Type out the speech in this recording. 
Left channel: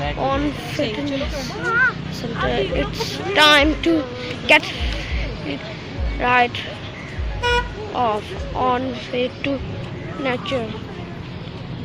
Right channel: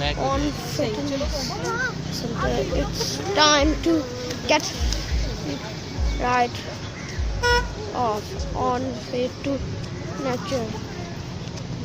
on fitness center. It's time to get right off on way to nature.